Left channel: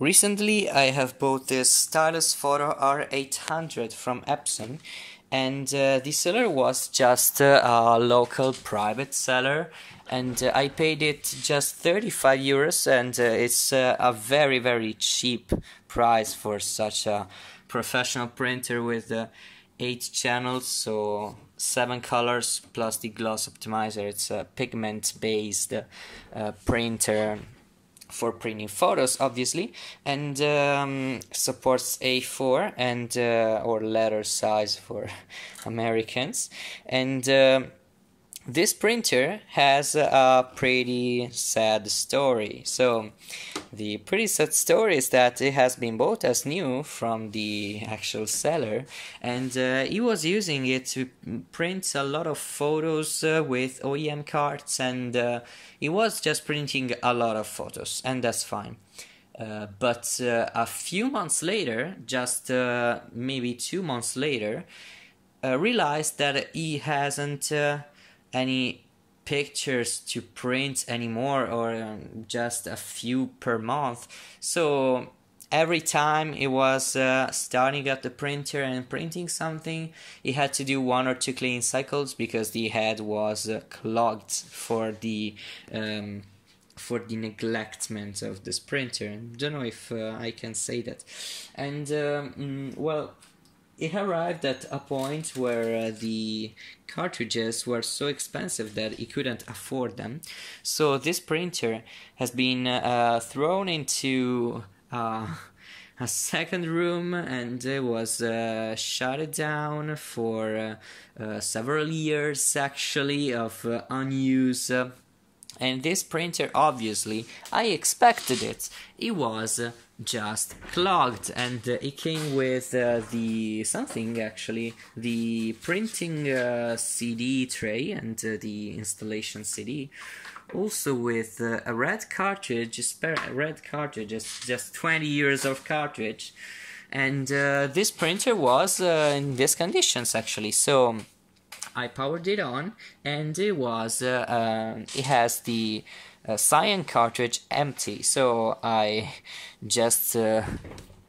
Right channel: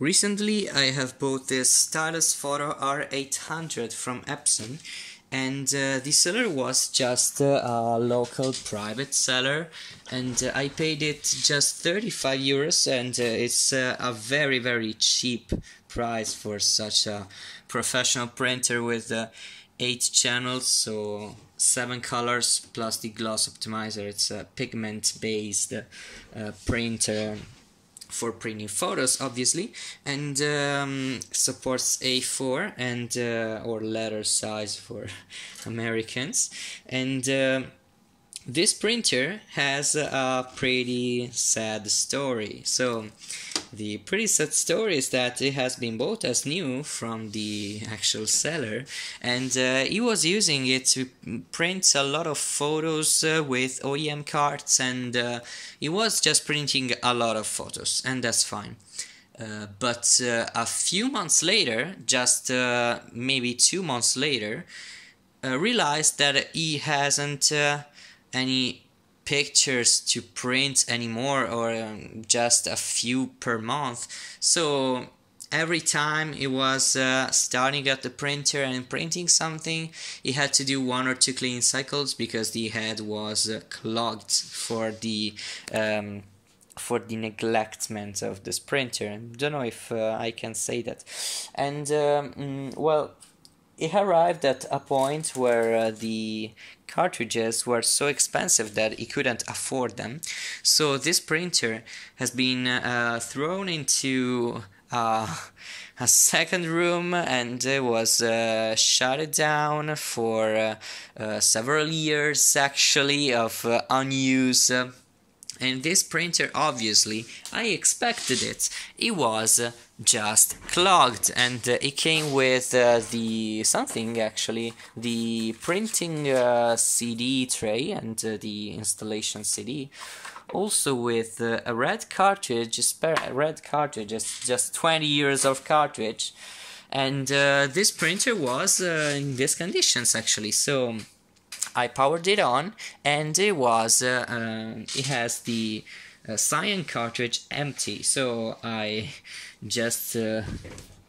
Recently I have bought this Stylus Photo R800 from Epson, and the seller was just a local private seller, and I paid it just 35 euros, and it's a very cheap price for such a professional printer with 8 channels, so 7 colors plus the gloss optimizer. It's a pigment based printer for printing photos, obviously, and supports A4 and or letter size for Americans. And this printer has a pretty sad story. So the pretty sad story is that it has been bought as new from the actual seller, and he was using it to print a lot of photos with OEM cards, and he was just printing a lot of photos, and that's fine. But a few months later, just maybe 2 months later, realized that he hasn't any pictures to print anymore, or just a few per month. So every time he was starting at the printer and printing something, he had to do 1 or 2 cleaning cycles because the head was clogged for the neglectment of this printer. I don't know if I can say that. And well, it arrived at a point where the cartridges were so expensive that he couldn't afford them. So this printer has been thrown into a second room, and was shut down for several years actually of unused. And this printer, obviously, I expected it. It was just clogged, and it came with the printing CD tray and the installation CD. Also with a red cartridge, just 20 years of cartridge. And this printer was in these conditions actually. So I powered it on, and it has the cyan cartridge empty. So I just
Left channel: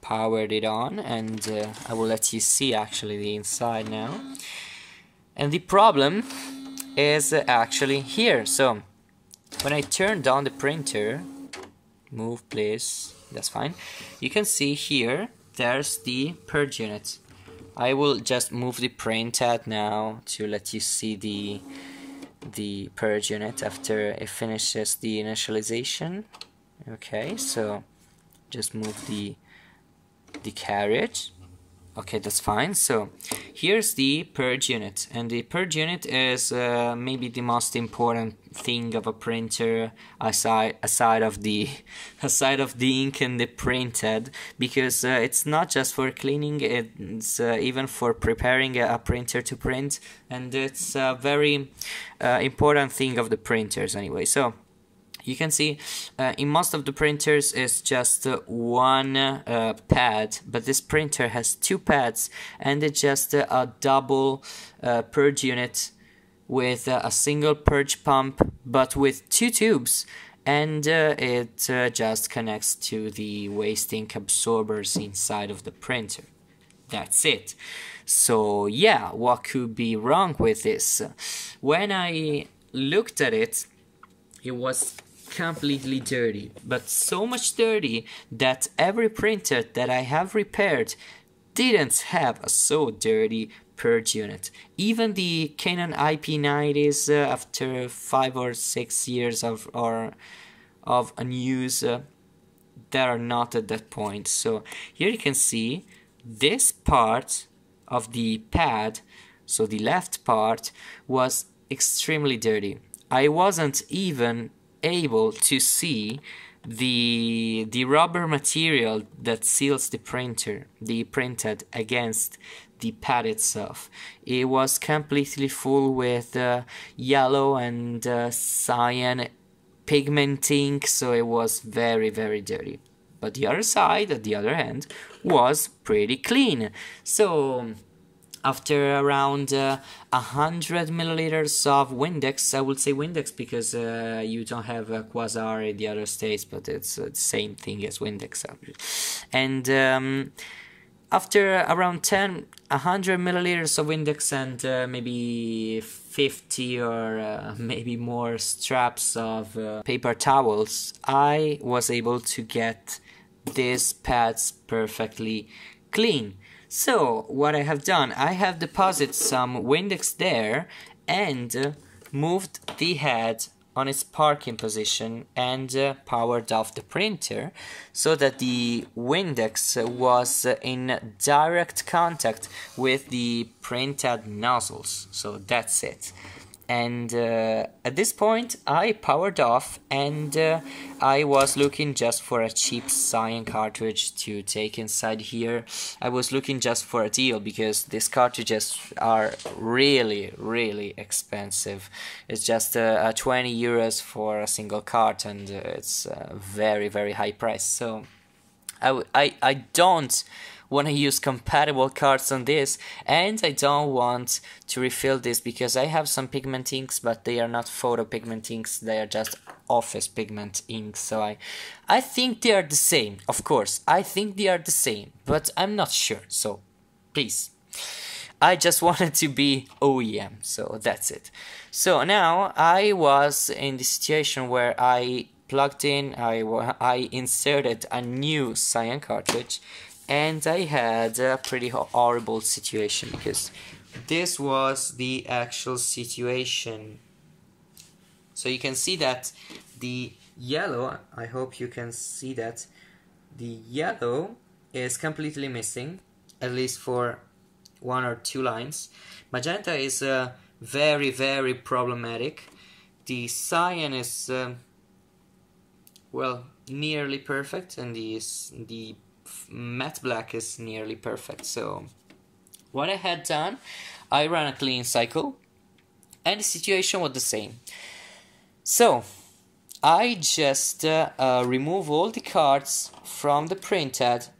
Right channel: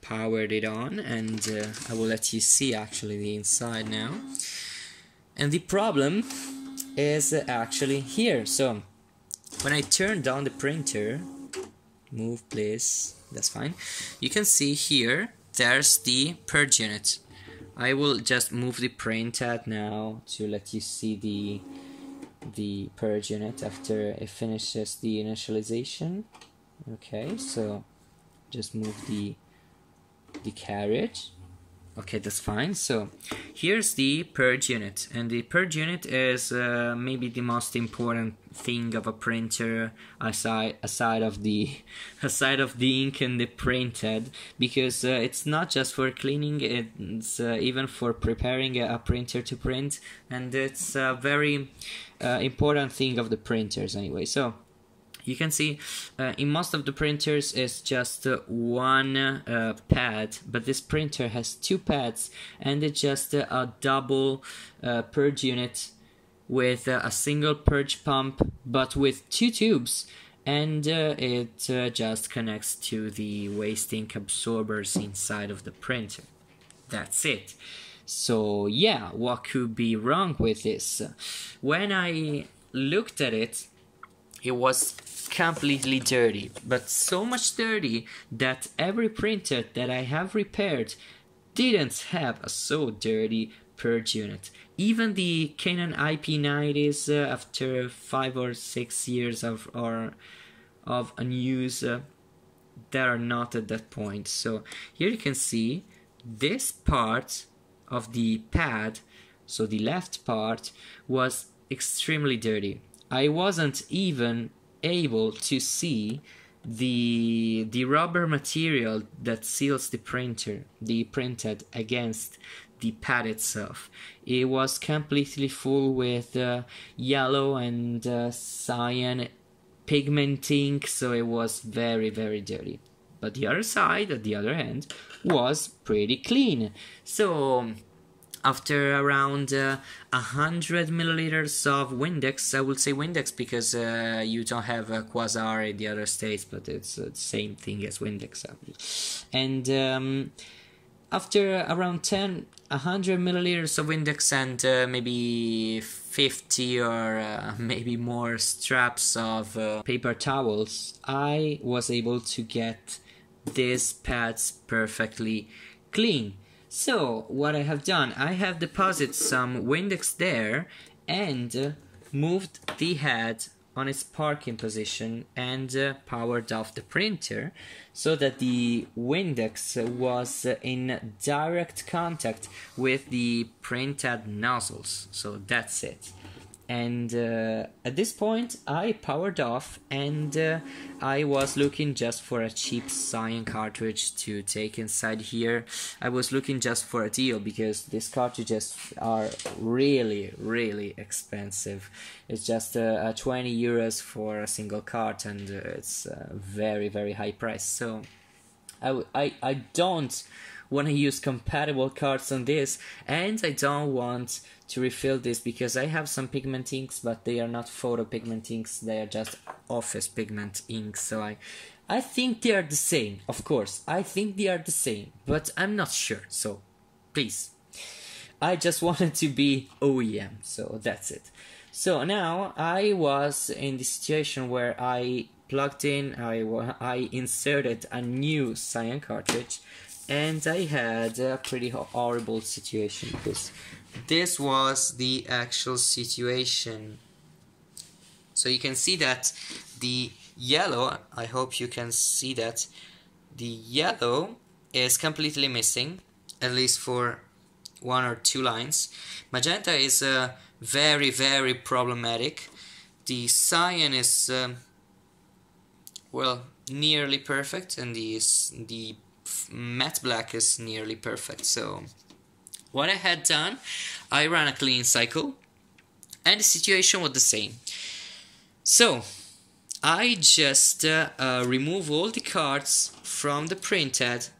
powered it on, and I will let you see actually the inside now. And the problem is actually here. So when I turned on the printer, move please, that's fine, you can see here there's the purge unit. I will just move the printhead now to let you see the purge unit after it finishes the initialization. Okay, so just move the carriage. Okay, that's fine. So here's the purge unit, and the purge unit is maybe the most important thing of a printer aside of the ink and the printhead, because it's not just for cleaning, it's even for preparing a printer to print, and it's a very important thing of the printers anyway. So you can see in most of the printers it's just one pad, but this printer has 2 pads, and it's just a double purge unit with a single purge pump, but with 2 tubes, and it just connects to the waste ink absorbers inside of the printer. That's it. So yeah, what could be wrong with this? When I looked at it, it was completely dirty, but so much dirty that every printer that I have repaired didn't have a so dirty purge unit. Even the Canon IP90s, after 5 or 6 years of unused, they are not at that point. So here you can see this part of the pad, so the left part, was extremely dirty. I wasn't even able to see the rubber material that seals the printhead against the pad itself. It was completely full with yellow and cyan pigment ink, so it was very dirty. But the other side, at the other hand, was pretty clean. So after around 100 milliliters of Windex, I would say Windex because you don't have Quasar in the other states, but it's the same thing as Windex. And after around 100 milliliters of Windex and maybe 50 or maybe more straps of paper towels, I was able to get these pads perfectly clean. So what I have done, I have deposited some Windex there and moved the head on its parking position and powered off the printer so that the Windex was in direct contact with the printed nozzles. So that's it. And at this point I powered off and I was looking just for a cheap cyan cartridge to take inside here. I was looking just for a deal because these cartridges are really expensive. It's just 20 euros for a single cart, and it's a very high price. So I don't want to use compatible cards on this, and I don't want to refill this because I have some pigment inks, but they are not photo pigment inks, they are just office pigment inks. So I think they are the same, of course, I think they are the same, but I'm not sure, so please. I just wanted to be OEM, so that's it. So now I was in the situation where I plugged in, I inserted a new cyan cartridge, and I had a pretty horrible situation because this was the actual situation. So you can see that the yellow, I hope you can see that the yellow is completely missing, at least for 1 or 2 lines. Magenta is very problematic. The cyan is well, nearly perfect, and the matte black is nearly perfect. So what I had done, I ran a clean cycle and the situation was the same. So I just remove all the cards from the printhead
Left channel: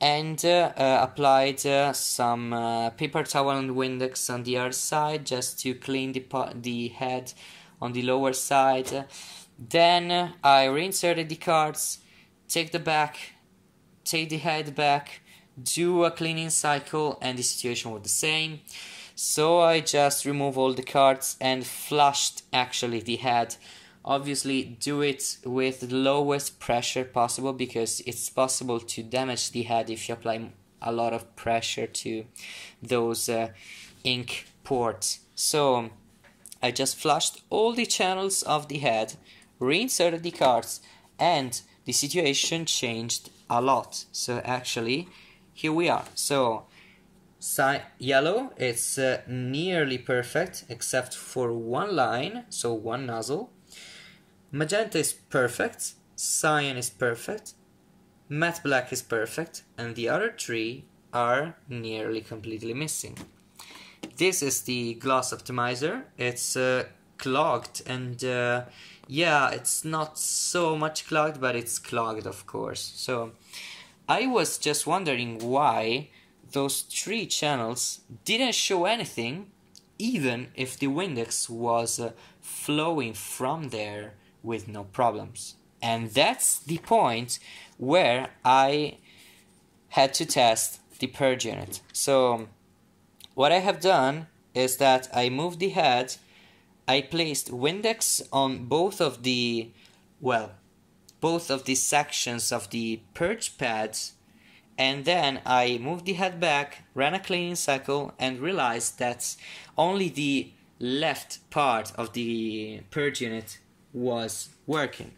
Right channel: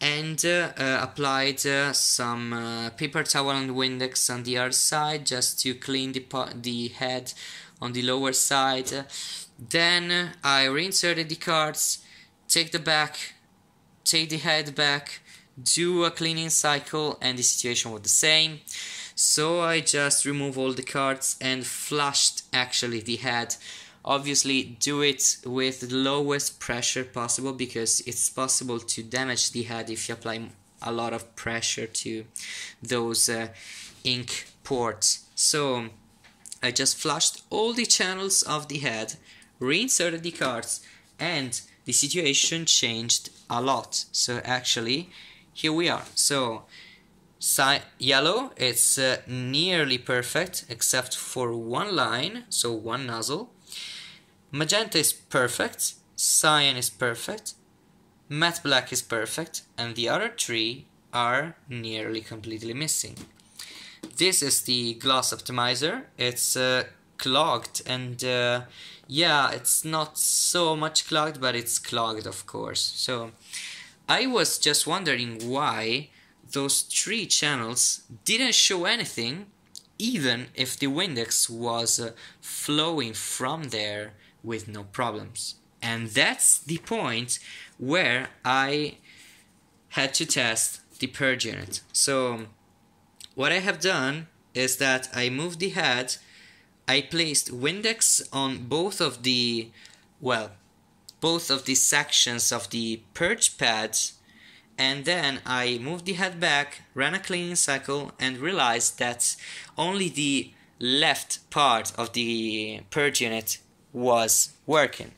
and applied some paper towel and Windex on the other side just to clean the head on the lower side. Then I reinserted the cards, take the head back, do a cleaning cycle, and the situation was the same. So I just remove all the cards and flushed actually the head. Obviously do it with the lowest pressure possible because it's possible to damage the head if you apply a lot of pressure to those ink ports. So I just flushed all the channels of the head, reinserted the cards, and the situation changed a lot. So actually here we are. So yellow, it's nearly perfect except for one line, so one nozzle. Magenta is perfect, cyan is perfect, matte black is perfect, and the other 3 are nearly completely missing. This is the gloss optimizer. It's clogged, and yeah, it's not so much clogged, but it's clogged, of course. So I was just wondering why those 3 channels didn't show anything, even if the Windex was flowing from there with no problems. And that's the point where I had to test the purge unit. So what I have done is that I moved the head, I placed Windex on both of the sections of the purge pads, and then I moved the head back, ran a cleaning cycle, and realized that only the left part of the purge unit was working.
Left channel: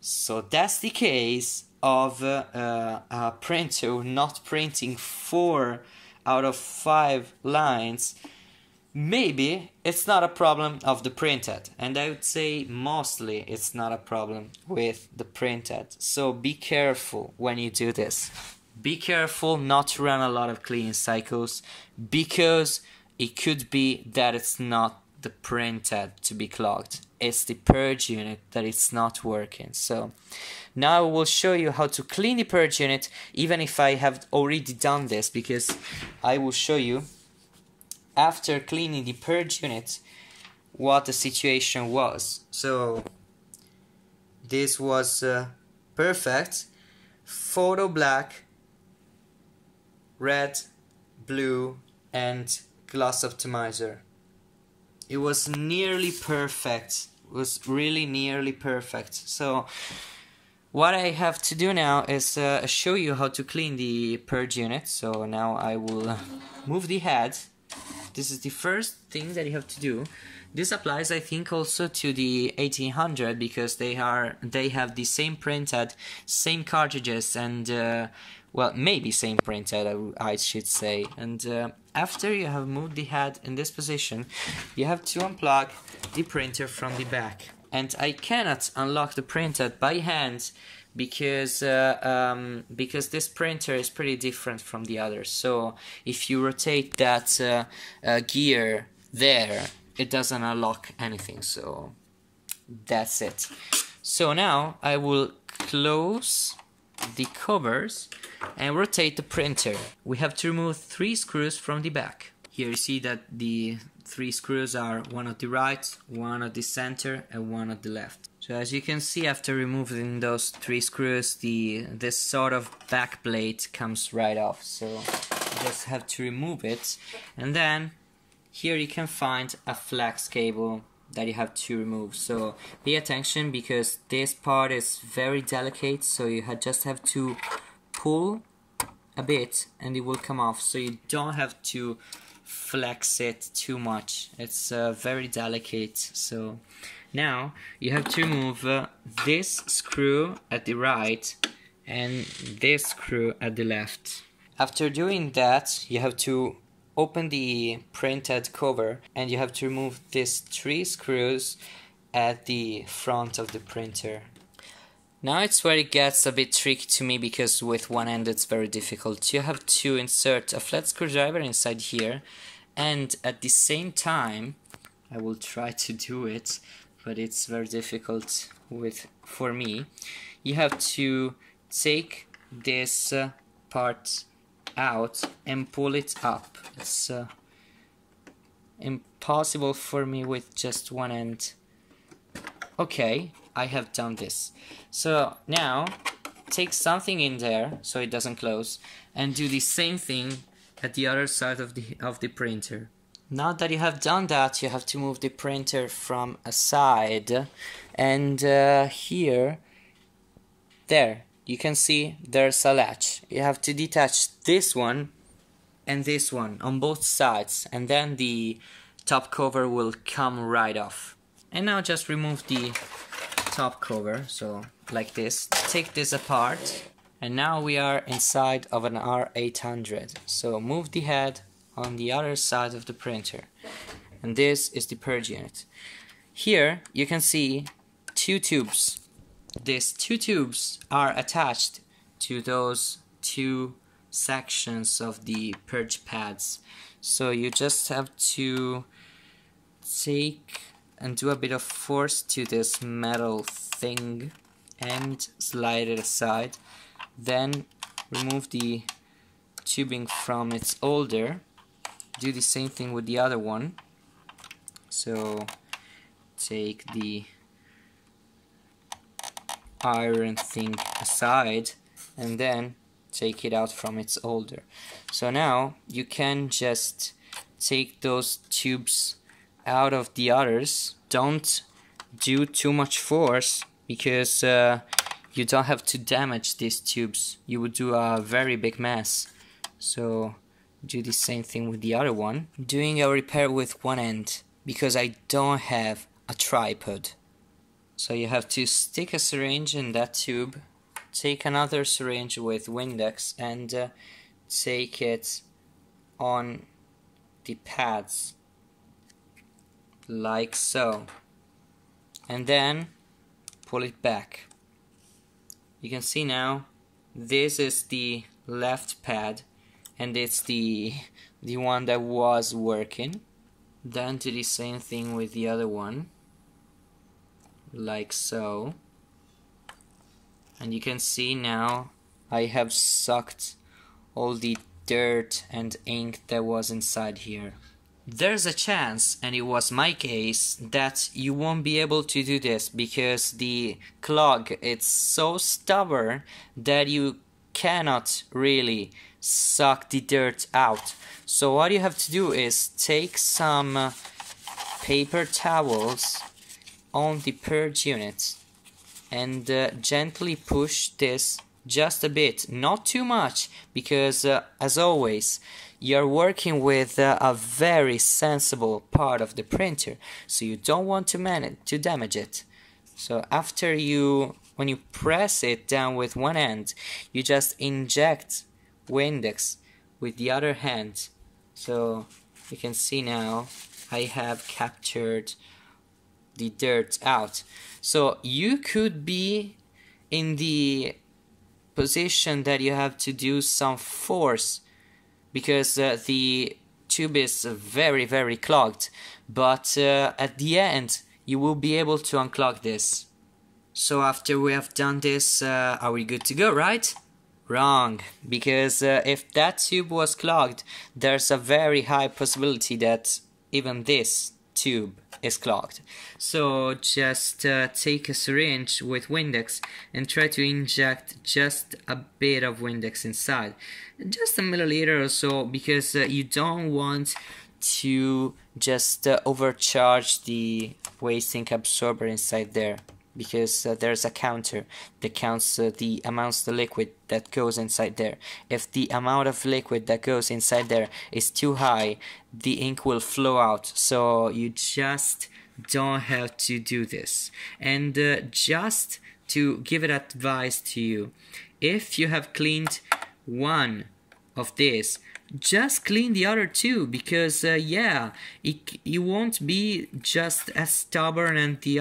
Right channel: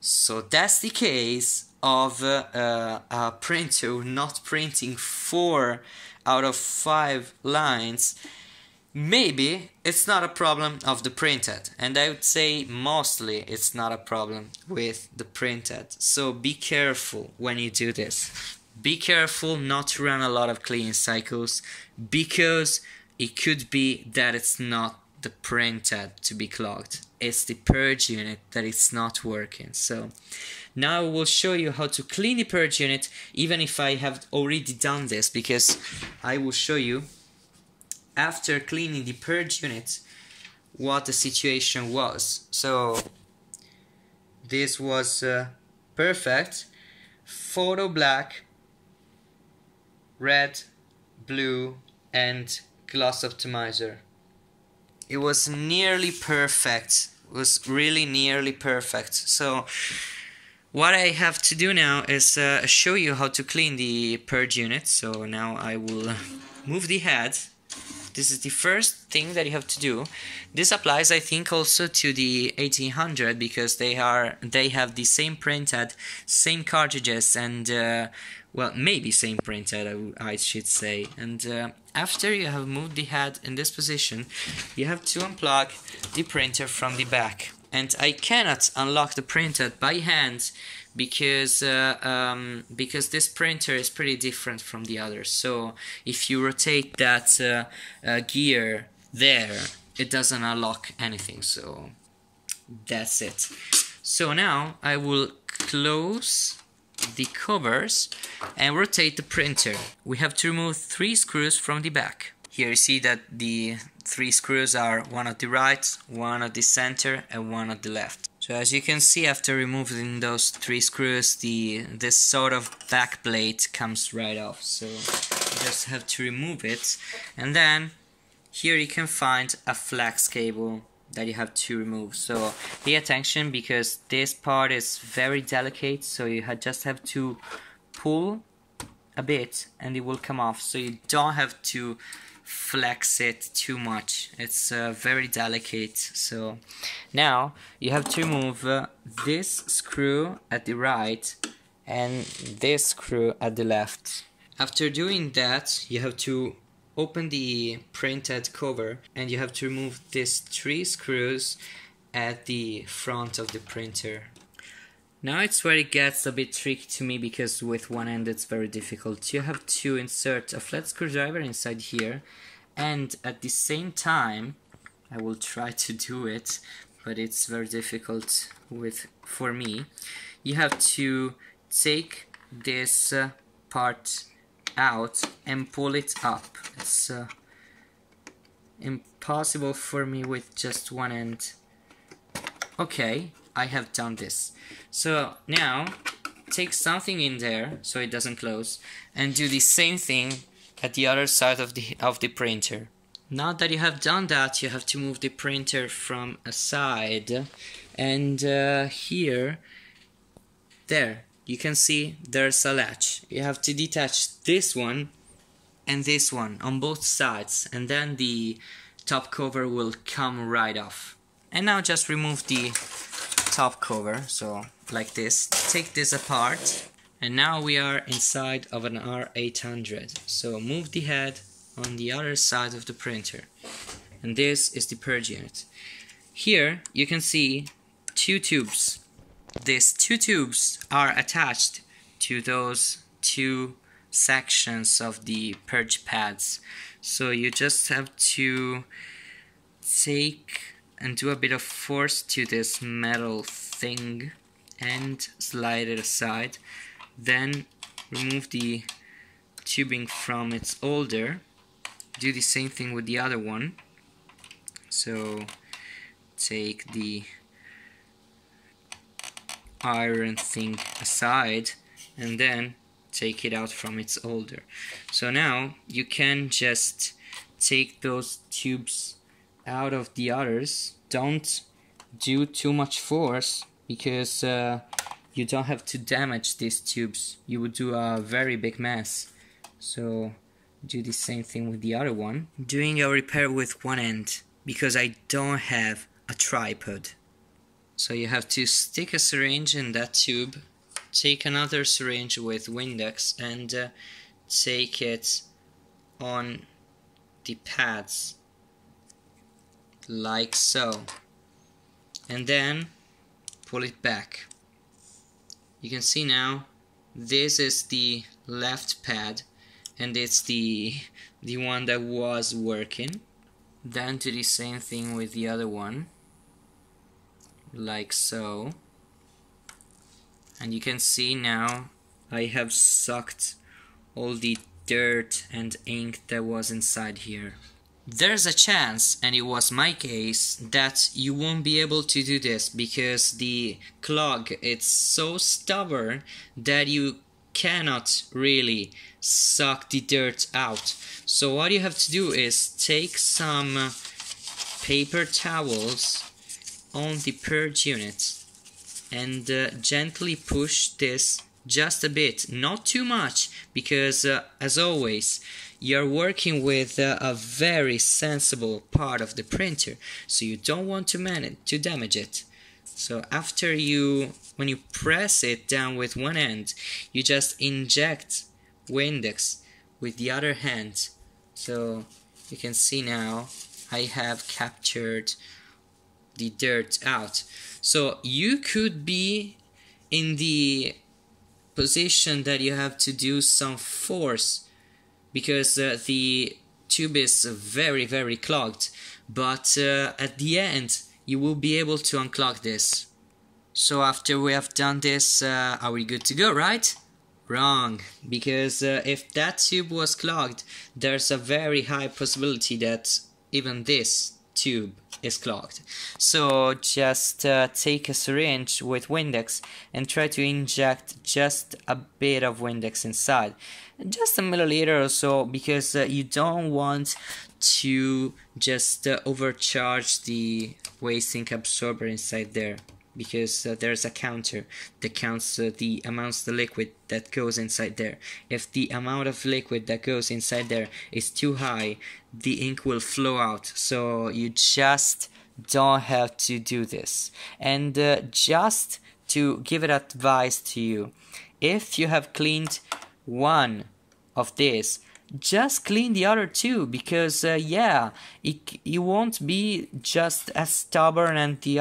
So that's the case of a printer not printing 4 out of 5 lines. Maybe it's not a problem of the printhead, and I would say mostly it's not a problem with the printhead. So be careful when you do this. Be careful not to run a lot of cleaning cycles, because it could be that it's not the printhead to be clogged, it's the purge unit that it's not working. So now I will show you how to clean the purge unit, even if I have already done this, because I will show you after cleaning the purge unit, what the situation was. So this was perfect. Photo black, red, blue, and gloss optimizer. It was nearly perfect. It was really nearly perfect. So what I have to do now is show you how to clean the purge unit. So now I will move the head. This is the first thing that you have to do. This applies, I think, also to the 1800 because they have the same printhead, same cartridges, and well, maybe same printhead, I should say. And after you have moved the head in this position, you have to unplug the printer from the back. And I cannot unlock the printer by hand because this printer is pretty different from the others. So if you rotate that gear there, it doesn't unlock anything. So that's it. So now I will close the covers and rotate the printer. We have to remove 3 screws from the back. Here you see that the 3 screws are one at the right, one at the center, and one at the left. So as you can see, after removing those 3 screws, this sort of back plate comes right off. So you just have to remove it, and then here you can find a flex cable that you have to remove. So pay attention because this part is very delicate, so you just have to pull a bit and it will come off. So you don't have to flex it too much. It's very delicate. So now you have to remove this screw at the right and this screw at the left. After doing that, you have to open the printhead cover and you have to remove these 3 screws at the front of the printer. Now it's where it gets a bit tricky to me because with one end it's very difficult. You have to insert a flat screwdriver inside here, and at the same time, I will try to do it, but it's very difficult for me. You have to take this part out and pull it up. It's impossible for me with just one end. Okay, I have done this. So now take something in there so it doesn't close and do the same thing at the other side of the printer. Now that you have done that, you have to move the printer from a side, and here, there, you can see there's a latch. You have to detach this one and this one on both sides, and then the top cover will come right off. And now just remove the top cover, so like this. Take this apart, and now we are inside of an R800. So move the head on the other side of the printer, and this is the purge unit. Here you can see 2 tubes. These 2 tubes are attached to those 2 sections of the purge pads. So you just have to take and do a bit of force to this metal thing and slide it aside. Then remove the tubing from its holder. Do the same thing with the other one. So take the iron thing aside and then take it out from its holder. So now you can just take those tubes out of the others. Don't do too much force because you don't have to damage these tubes. You would do a very big mess. So do the same thing with the other one. Doing a repair with one end because I don't have a tripod. So you have to stick a syringe in that tube, take another syringe with Windex and take it on the pads like so, and then pull it back. You can see now this is the left pad and it's the one that was working. Then do the same thing with the other one like so, and you can see now I have sucked all the dirt and ink that was inside here. there's a chance, and it was my case, that you won't be able to do this because the clog, it's so stubborn that you cannot really suck the dirt out. So what you have to do is take some paper towels on the purge unit and gently push this just a bit, not too much, because as always you're working with a very sensible part of the printer, so you don't want to damage it. So after when you press it down with one hand, you just inject Windex with the other hand. So you can see now I have captured the dirt out. So you could be in the position that you have to do some force because the tube is very clogged, but at the end you will be able to unclog this. So after we have done this, are we good to go, right? Wrong, because if that tube was clogged, there's a very high possibility that even this tube is clogged. So just take a syringe with Windex and try to inject just a bit of Windex inside, just a milliliter or so, because you don't want to just overcharge the waste ink absorber inside there, because there's a counter that counts the amounts of the liquid that goes inside there. If the amount of liquid that goes inside there is too high, the ink will flow out, so you just don't have to do this. And just to give it advice to you, if you have cleaned one of this, just clean the other two, because yeah, it won't be just as stubborn as the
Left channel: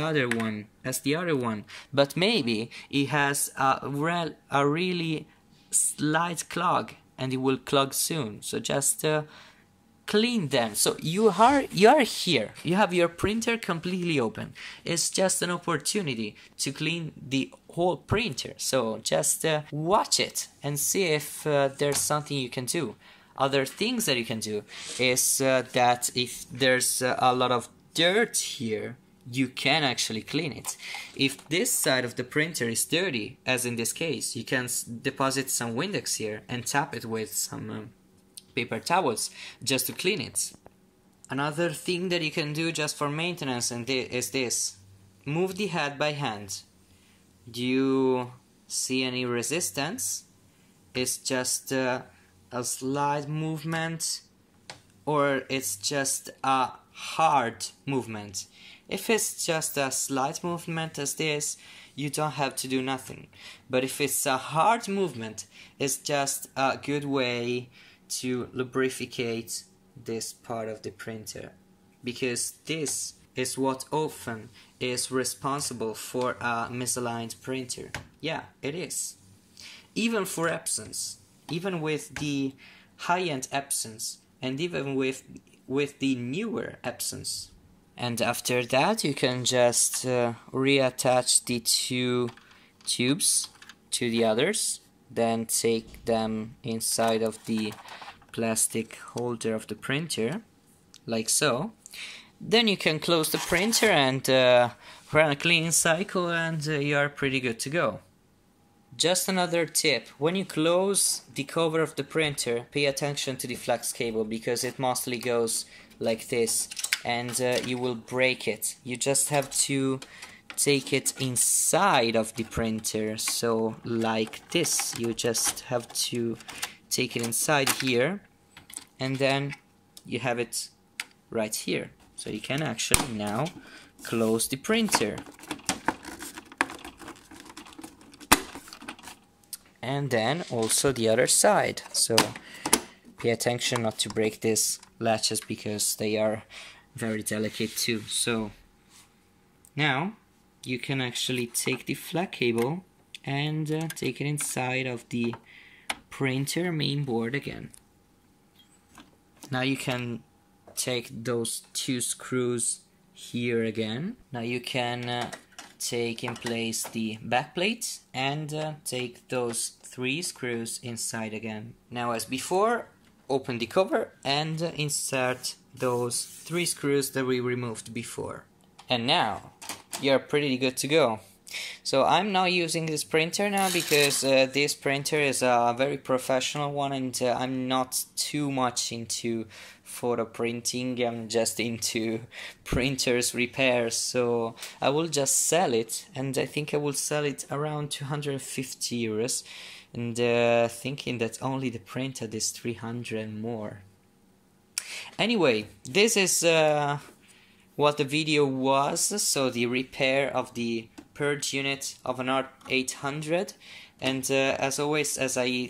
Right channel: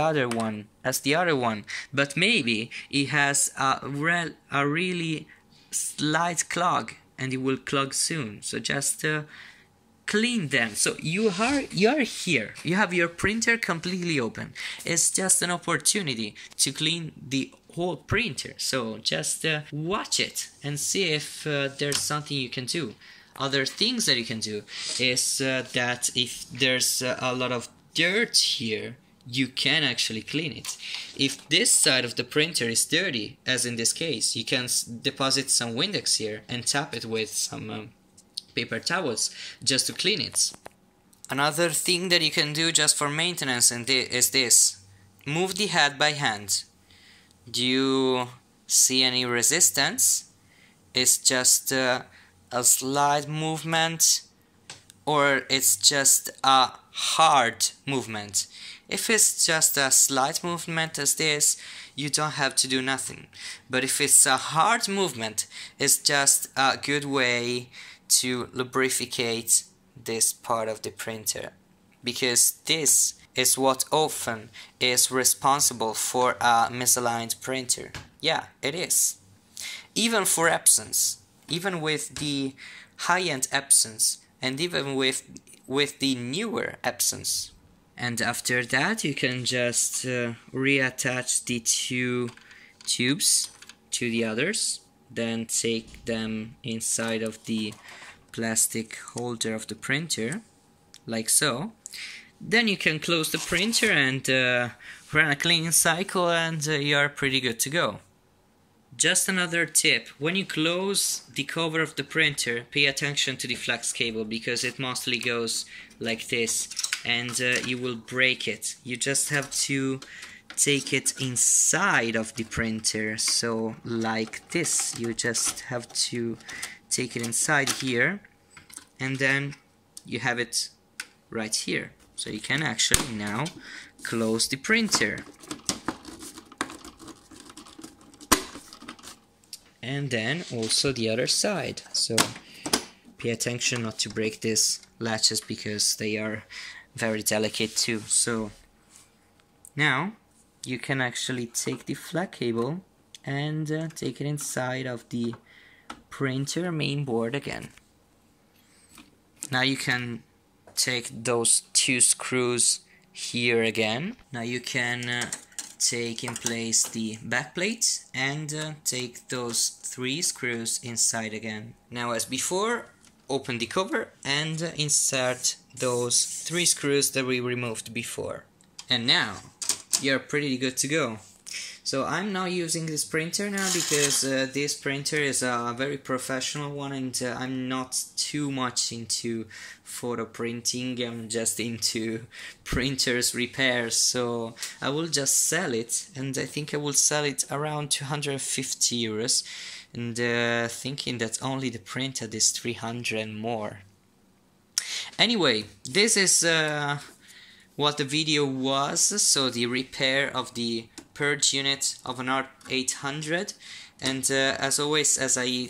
other one, but maybe it has a really slight clog and it will clog soon. So just clean them. So you are here, you have your printer completely open. It's just an opportunity to clean the whole printer. So just watch it and see if there's something you can do. Other things that you can do is that if there's a lot of dirt here, you can actually clean it. If this side of the printer is dirty, as in this case, you can deposit some Windex here and tap it with some paper towels just to clean it. Another thing that you can do just for maintenance is this: move the head by hand. Do you see any resistance? It's just a slight movement, or it's just a hard movement. If it's just a slight movement as this, you don't have to do nothing. But if it's a hard movement, it's just a good way to lubricate this part of the printer, because this is what often is responsible for a misaligned printer. Yeah, it is. Even for Epsons, even with the high-end Epsons, and even with the newer Epsons. And after that, you can just reattach the two tubes to the others, then take them inside of the plastic holder of the printer, like so. Then you can close the printer and run a cleaning cycle, and you're pretty good to go. Just another tip: when you close the cover of the printer, pay attention to the flex cable, because it mostly goes like this and you will break it. You just have to take it inside of the printer, so like this. You just have to take it inside here, and then you have it right here. So you can actually now close the printer. And then also the other side. So pay attention not to break these latches, because they are very delicate too. So now you can actually take the flat cable and take it inside of the printer main board again. Now you can take those two screws here again. Now you can take in place the back plate and take those 3 screws inside again. Now, as before, open the cover and insert those 3 screws that we removed before. And now you're pretty good to go. So I'm not using this printer now because this printer is a very professional one, and I'm not too much into photo printing. I'm just into printers repairs, so I will just sell it, and I think I will sell it around 250 euros, and thinking that only the printer is 300 and more. Anyway, this is what the video was, so the repair of the purge unit of an R800, and as always, as I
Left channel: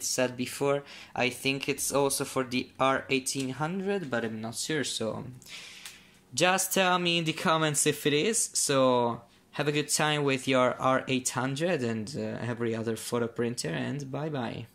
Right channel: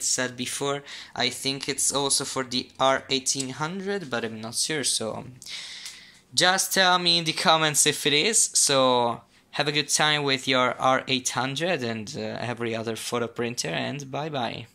said before, I think it's also for the R1800, but I'm not sure, so just tell me in the comments if it is. So have a good time with your R800 and every other photo printer, and bye bye.